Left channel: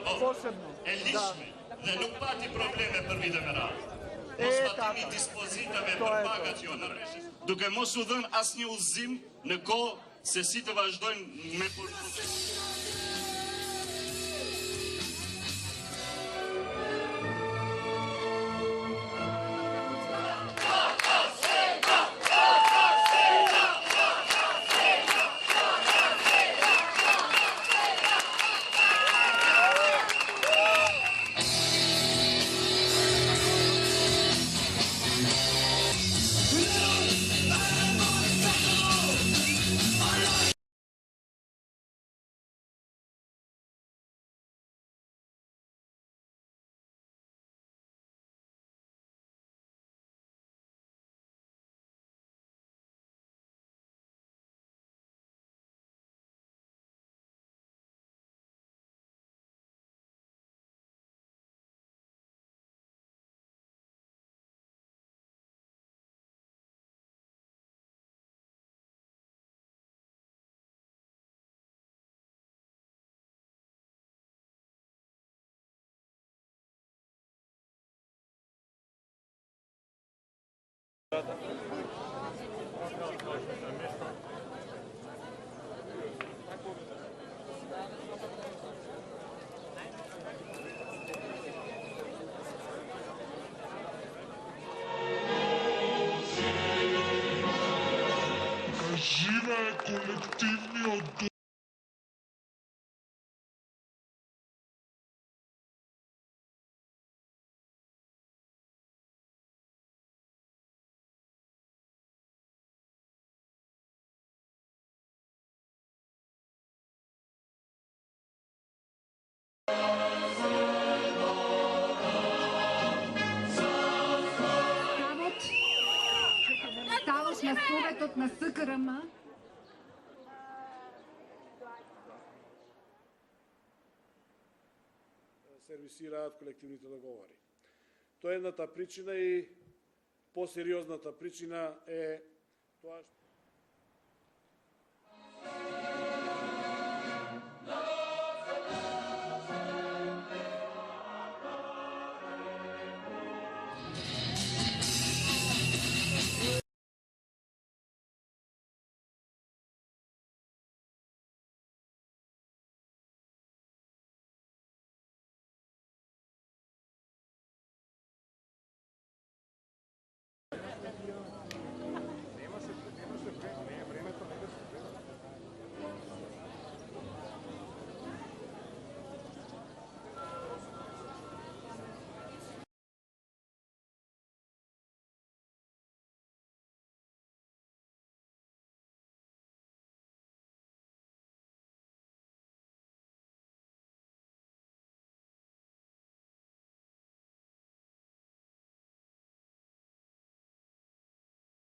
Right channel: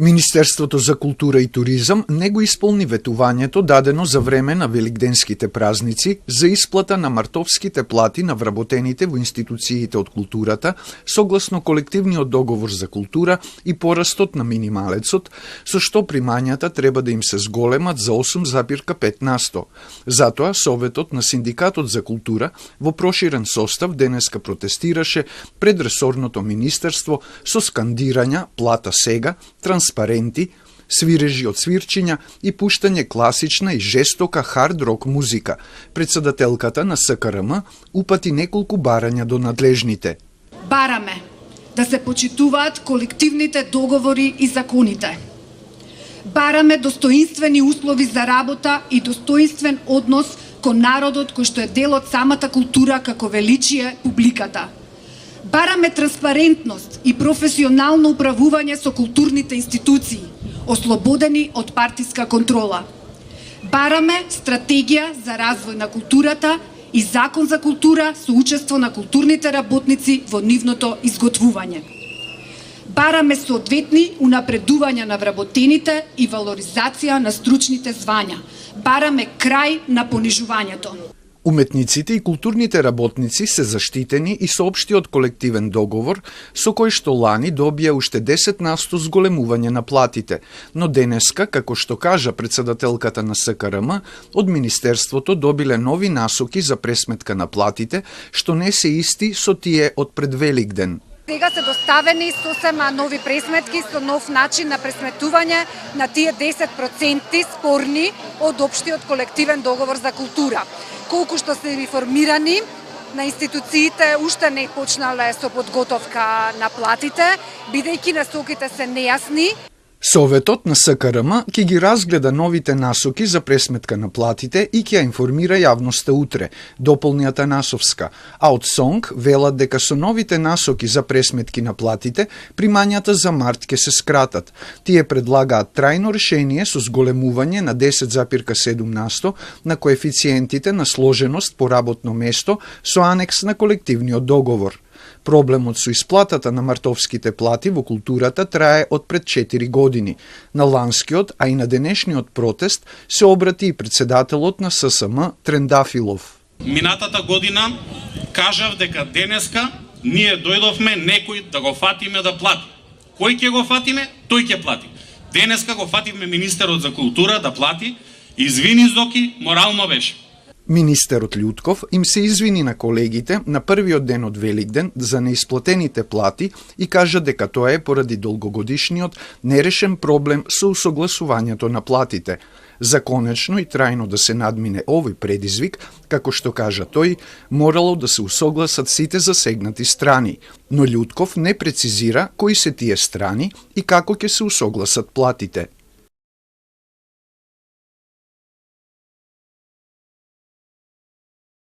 Министерството за култура и туризам не го исполни ветувањето дадено за време на великденските празници за исплата на мартовските плати на вработените во институциите од културата согласно колективниот договор за култура и порастот на минималецот, со што примањата треба да им се зголемат за 8,5%. Затоа Советот на Синдикатот за култура во проширен состав денеска протестираше пред ресорното министерство со скандирања "Плата сега", транспаренти, свирежи од свирчиња и пуштање класична и жестока хард-рок музика. Председателката на СКРМ упати неколку барања до надлежните. Бараме да се почитуваат колективните договори и законите. Бараме достоинствени услови за работа и достоинствен однос кон народот кој што е дел од самата култура како величие публиката. Бараме транспарентност и професионално управување со културните институции, ослободени од партиска контрола. Бараме стратегија за развој на културата и закон за култура со учество на културните работници во нивното изготвување. Бараме соодветни унапредувања на вработените и валоризација на стручните звања. Бараме крај на понижувањето. Уметниците и културните работници се заштитени и со општиот колективен договор, со кој што лани добија уште 10% зголемување на платите, но денеска, како што кажа председателката на СКРМ, од Министерството добиле нови насоки за пресметка на платите, што не се исти со тие од пред Великден. Сега се доставени сосема нови пресметки со нов начин на пресметување на тие 10% спорни од општиот колективен договор за култура. Колку што се реформирани, на институциите уште не почнале со подготовка на платите, бидејќи насоките се нејасни. Советот на СКРМ ќе ги разгледа новите насоки за пресметка на платите и ќе ја информира јавноста утре, дополни Атанасовска. А од СОНГ велат дека со новите насоки за пресметки на платите, примањата за март ќе се скратат. Тие предлагаат трајно решение со зголемување на 10,7% на коефициентите на сложеност по работно место со анекс на колективниот договор. Проблемот со исплатата на мартовските плати во културата трае од пред 4 години. На ланскиот, а и на денешниот протест се обрати и председателот на ССМ Трендафилов. Минатата година кажав дека денеска ние дојдовме некој да го фатиме да плати. Кој ќе го фатиме? Тој ќе плати. Денеска го фативме министерот за култура да плати. Извини, Зоки, морално беше. Министерот Љутков им се извини на колегите на првиот ден од Великден за неисплатените плати и кажа дека тоа е поради долгогодишниот нерешен проблем со усогласувањето на платите. За конечно и трајно да се надмине овој предизвик, како што кажа тој, морало да се усогласат сите засегнати страни, но Љутков не прецизира кои се тие страни и како ќе се усогласат платите.